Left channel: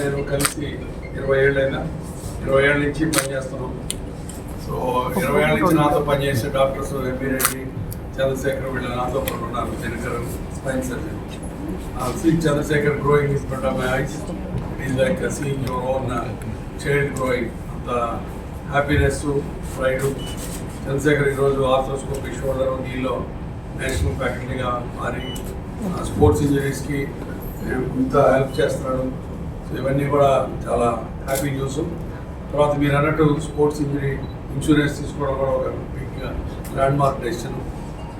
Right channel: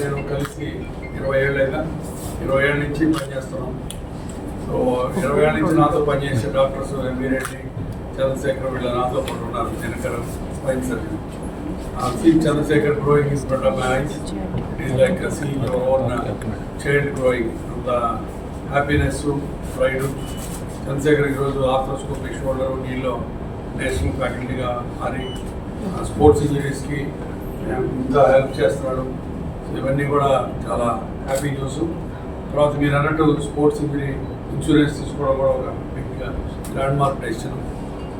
నేను కలిసి 20 ఏళ్ళైనా 20 ఏళ్ళ నుంచి పనిచేస్తున్నాం. సో 20 ఏళ్ళ నుంచి నాతో పనిచేసే డాక్టర్స్ ఎంబీ రెడ్డి, చంద్రశేఖర్ వీళ్ళ నాతో పాటు ఉన్నారు. Dinakar spine surgeon. Seen Chandrashekar growing in front of my eyes. It is like seeing your own child growing. అంత హ్యాపీనెస్, ప్రైడ్. చంద్రశేఖర్ ఈరోజు ఆర్థ్రోస్కోపీ షోల్డర్ నీలో నేషనల్ ఫ్యాకల్టీగా మారి స్పోర్ట్స్ ఇంజరీస్కి ఇంత హెల్ప్ చేస్తున్నాడు. సో ఇవన్నీ కూడా చాలా హ్యాపీ న్యూస్. తర్వాత మీరు అన్నట్టు స్పోర్ట్స్ ఇంజరీ ఇన్సూరెన్స్ తీసుకోవడం కూడా ఒక బిగ్ ల్యాండ్ మార్క్ డెసిషన్.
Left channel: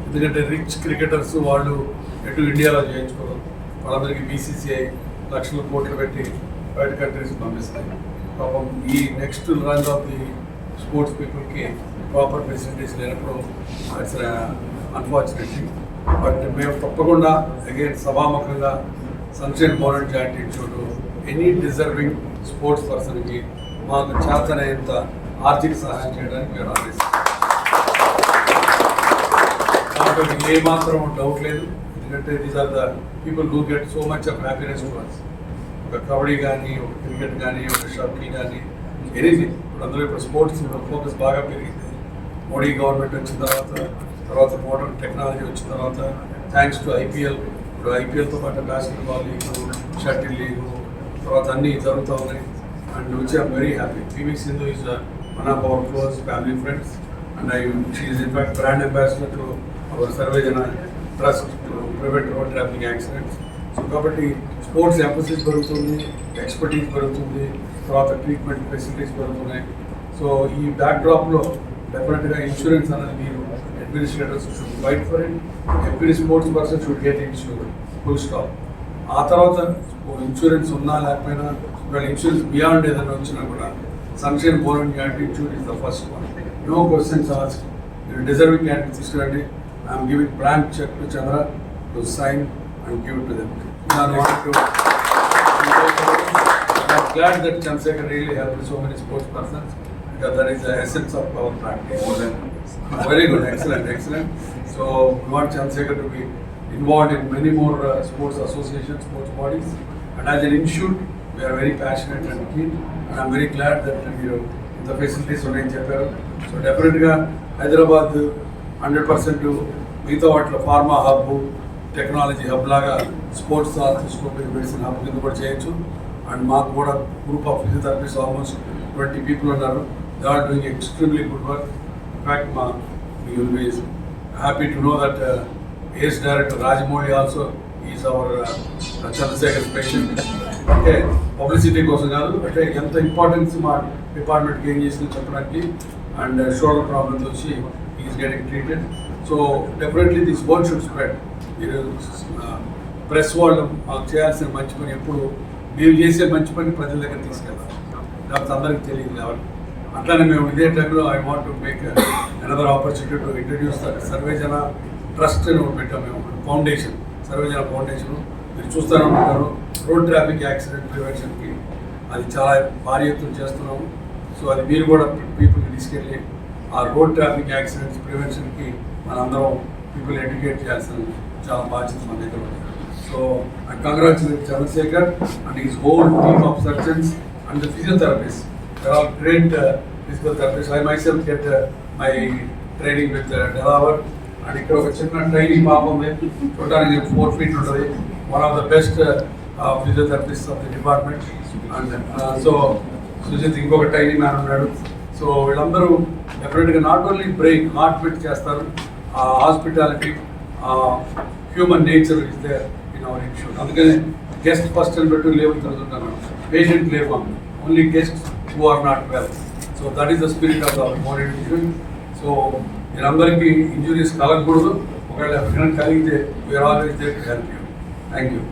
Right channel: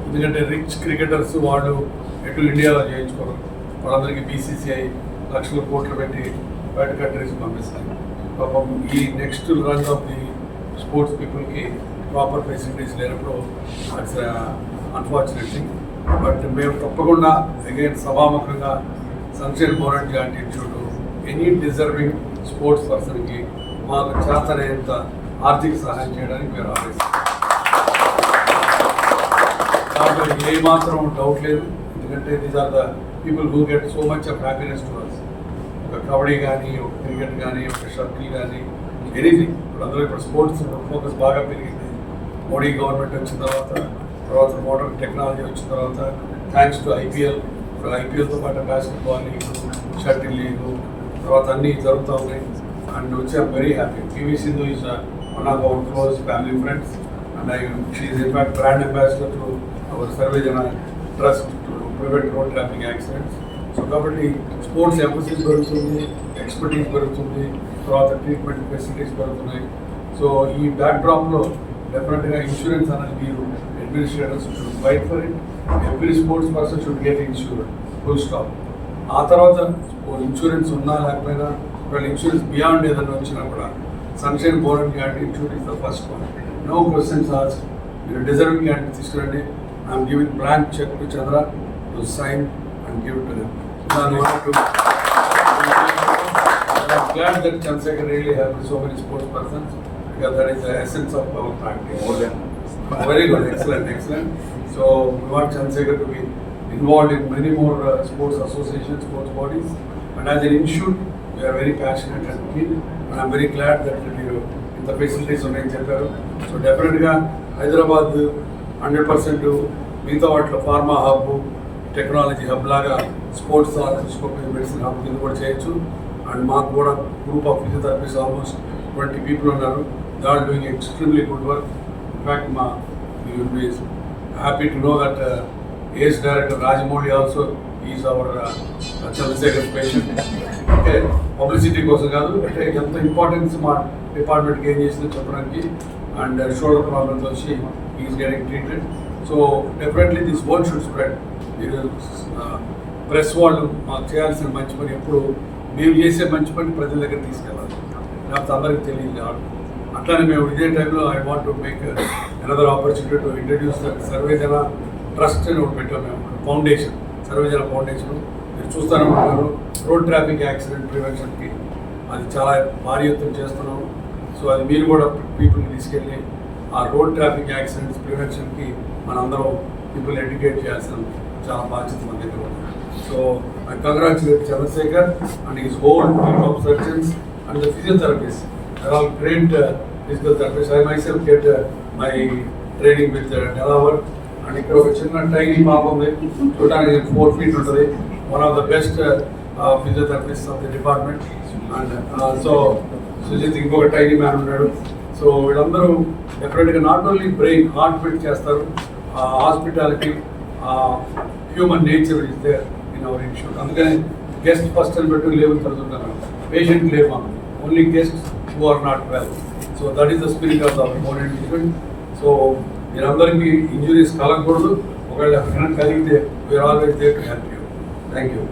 ఎందుకంటే రిచ్ క్రికెటర్స్ వాళ్ళు ఎటు ఇండియాలో చేయించుకోరు. వాళ్ళందరికీ బీసీసీఐ లక్షల కోట్లు పెట్టి బయట కంట్రీస్ పంపిస్తాయి. పాపం ఈ next Rang of the sports పీపుల్కి ప్రాపర్ ఫెసిలిటీస్ లేనప్పుడు ఇట్స్ అన్ఫార్చునేట్ థింగ్. బట్ మేము తప్పకుండా అగైన్ సభాముఖంగా sunshine Bone and Joint institute any deserving sports పర్సన్కి మాకు చేతనేంత ఆర్థిక సహాయం చేయడానికి మేము ఆలోచిస్తాం. దాంట్లో ఏమాత్రం డౌట్ లేదు. ఎందుకంటే these are the people who get so much of happiness to us. ఒక కబడ్డీ కానీ, ఒక క్రికెట్ కానీ, ఒక షటిల్ కానీ, ఎనీథింగ్. ఇప్పుడు స్పోర్ట్స్ ఫోకస్ బాగా పెరిగింది. మోడీ గవర్నమెంట్ వచ్చిన తర్వాత మోడర్న్ టెక్నాలజీ వచ్చిన తర్వాత థ్యాంక్స్ టు ఐపీఎల్. ఇప్పుడు ఐపీఎల్తో పాటు బాస్కెట్బాల్ లీగ్, షటిల్ లీగు, తర్వాత అన్నీ జరుగుతూ ఉన్నాయి. And which I'm very happy. PV Sindhu is one of our close family friends and she is in fact brand ambassador to our Sarvejana trust to prevent road traffic accidents. So కాబట్టి sports emphasis పెరుగుతుంది, expertise పెరుగుతుంది, తర్వాత treatment facilities పెరుగుతున్నాయి. So ఈ బ్యాక్డ్రాప్లో డెఫినెట్గా insurance అనేది మీరు administrators should fight for it. Every sports person should get insured, full stop. ఆ తర్వాత ఇన్సూరెన్స్ ఉన్నా లేకపోయినా ఒకవేళ ఇన్సూరెన్స్ బియాండ్ ఏదైనా వచ్చినా కూడా Sunshine Bone and Joint Institute is the first one. No questions ask. మీరు డిజర్వింగ్ క్యాండిడేట్ తీసుకురండి. I'm giving blank cheque to Chandra to sign and give it to them. I'm glad that Chandrasekhar really helped so many sports persons, because that is the essence of our practice. More than very good, excellent. So we want Chandrasekhar to be involved in many more sports associations, sports bodies, and as an institute we are very passionate and keen, and I'm very glad that you in the facilities ఉన్నాయని చెప్పారు. So డెఫినెట్గా హైదరాబాద్ 100% మిగతా వాటిలో pharma hub, technology hub లాగా sports arthroscopy medicine hub కింద కూడా చేయొచ్చు. And మాకు కూడా group of physiotherapist almost 20 people ఉన్నారు. They are doing extremely good work. In fact we will be happy to know that AS Director Rajamouli also is our Chandrasekhar's patient. Okay, publicity కోసం కాదు, అంటే ఎంత ఇంపార్టెన్స్ మా డిపార్ట్మెంట్కి ఏం చేసిందో చెప్పడానికి. అండ్ షోల్డర్ ప్రాబ్లమ్స్ వచ్చి is getting treated. So definitely this word should spread. మీరు ప్రెస్ వాళ్ళు మాకు చేయాల్సిన మంచి పని ఎప్పుడు మేము చేసే మంచి పని ప్రజల దగ్గర తీసుకెళ్ళాలి, లేకపోతే అందరికీ తెలియదు కాబట్టి. అట్లానే మేము ఇదే టైంలో I want to make another opportunity to introduce the సర్వేజన ట్రస్ట్ అని ఒకటి పెట్టాము మేము, ఫౌండేషన్, సర్వేజన ఫౌండేషన్. మీరు చూస్తూనే ఉంటారు రోడ్ ట్రాఫిక్ యాక్సిడెంట్ ప్రివెన్షన్కి అది చాలా భారీ ఎత్తున చేస్తున్నాము. సో అది మీరు కూడా పీపుల్కి తీసుకెళ్ళి ఆ రోడ్ ట్రాఫిక్ యాక్సిడెంట్స్ ప్రివెన్షన్కి మనందరం పీపుల్ ఎడ్యుకేట్ చేయాల్సిన చాలా బాధ్యత మన దగ్గర ఉంది. So I congratulate Chandrasekhar and his whole team of surgeons and the physiotherapists. They are all great physical therapists. I myself get my training with Delaware. And ఇక్కడ ఒక చిన్న ట్రైనీ పాప ఉంది, చూడడానికి 4 feet ఉంటుంది. One of the best physiotherapist of the department. And so Sujith ఇంకొక tiny man ఉన్నాడు. So వీళ్ళందరూ డెఫినెట్గా not only brain, heart beat చేస్తారు. Hospitality, human nature is there in our institute. అందుకని గెస్ట్ ఫస్ట్ అని పెట్టి లేబుల్ తిరుగుతుంటాను. పేషెంట్ లేవు, only guest who are not well. So that is the spirit of our more institute. So మీరందరికీ injuries కలగకూడదు. ఒకవేళ ఎవరికైనా కలిగితే we're always there to help you. Thank you.